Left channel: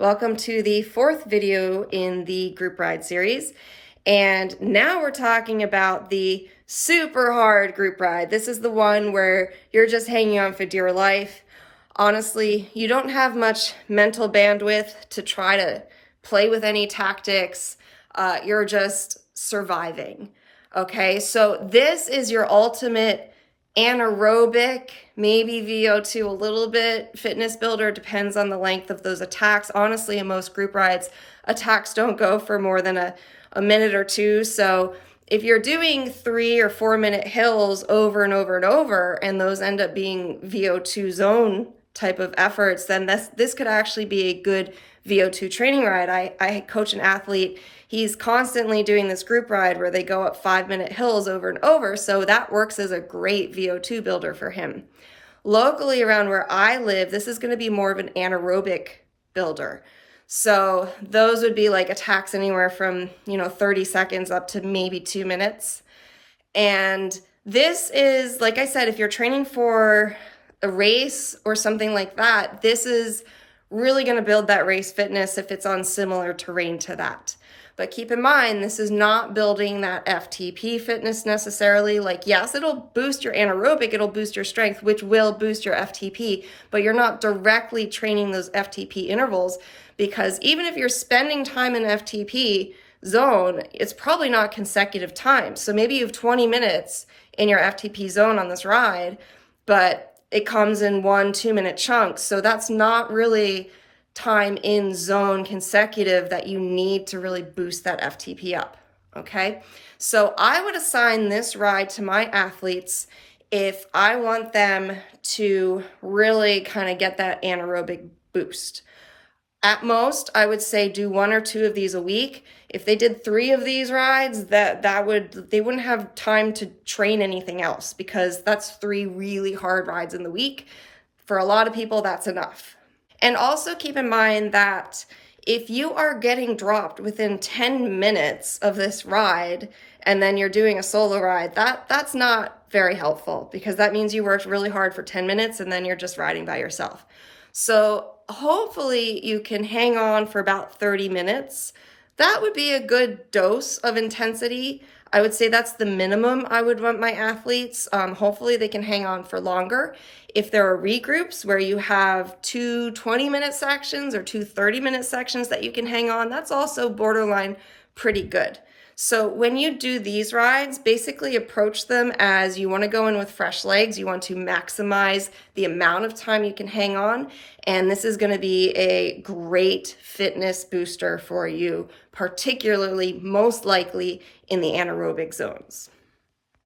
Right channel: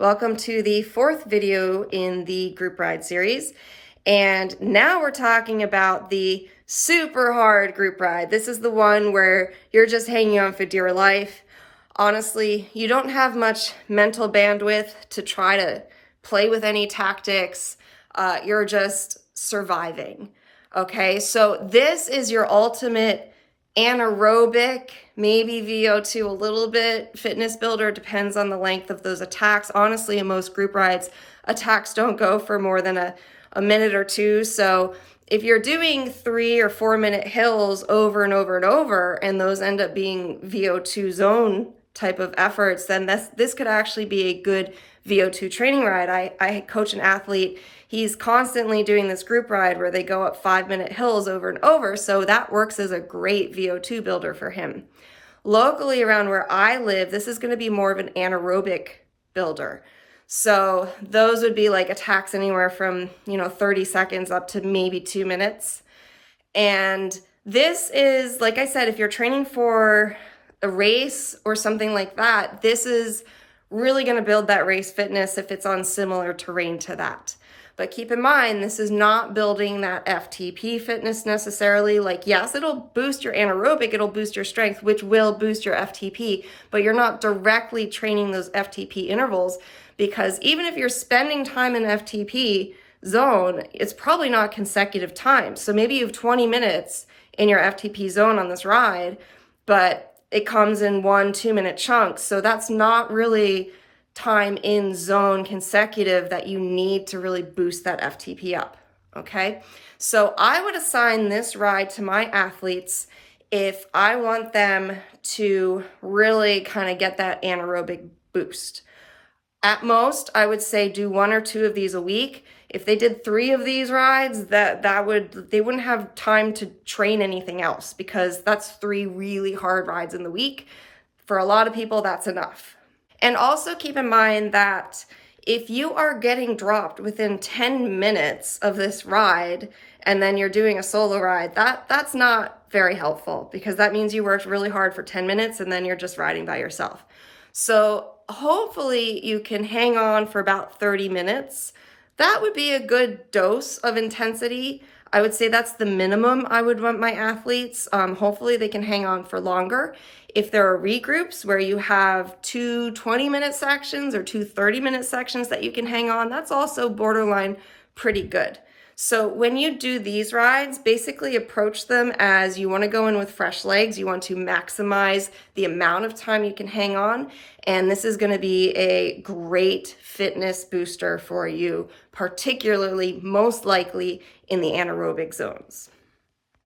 Welcome to the fourth video in the group ride series. And now we're talking about the super hard group ride. This is the one where you're just hanging on for dear life. Honestly, you don't have much mental bandwidth to try to play with any tactics. You're just surviving. Okay, so this is your ultimate anaerobic, maybe VO2 a little bit, fitness builder, depends on the length of those attacks. Honestly, in most group rides, attacks don't go for more than a minute or two. So if you're doing 3 or 4 minute hills over and over and over, and those end up being VO2 zone type of efforts, then this could actually be a good VO2 training ride. I coach an athlete. He's constantly doing this group ride where they go up 5-minute hills over and over. So that works as a great VO2 builder for him. Locally around where I live, this is going to be more of an anaerobic builder. So those would be like attacks anywhere from, 30 seconds up to maybe 2 minutes. And this is, like I said, if you're training for a race or something like that, this is really going to build that race fitness if it's on similar terrain to that. But keep in mind, this is not building that FTP fitness necessarily. Like, yes, it'll boost your anaerobic, it'll boost your strength, which will boost your FTP, but you're not directly training those FTP intervals, because even if you're spending time in FTP zone, it's probably not consecutive time. So maybe you have 20 minutes in your FTP zone on this ride, but it comes in 1-2 minute chunks. So that's not really time in zone consecutive that you need to really boost that FTP up, okay? So I would assign this ride to my athletes if I want them to really kind of get that anaerobic boost. At most, I would say do 1 or 2 of these a week. If they did 3 of these rides, they wouldn't have time to train anything else, because that's 3 really hard rides in the week. For a lot of people, that's enough. And also keep in mind that if you are getting dropped within 10 minutes of this ride and then you're doing a solo ride, that's not very helpful, because that means you worked really hard for 10 minutes and then you're just riding by yourself. So hopefully you can hang on for about 30 minutes. That would be a good dose of intensity. I would say that's the minimum I would want my athletes. Hopefully they can hang on for longer. If there are regroups where you have 2 20-minute sections or 2 30-minute sections that you can hang on, that's also borderline pretty good. So when you do these rides, basically approach them as you want to go in with fresh legs. You want to maximize the amount of time you can hang on. And this is going to be a great fitness booster for you, particularly most likely in the anaerobic zones.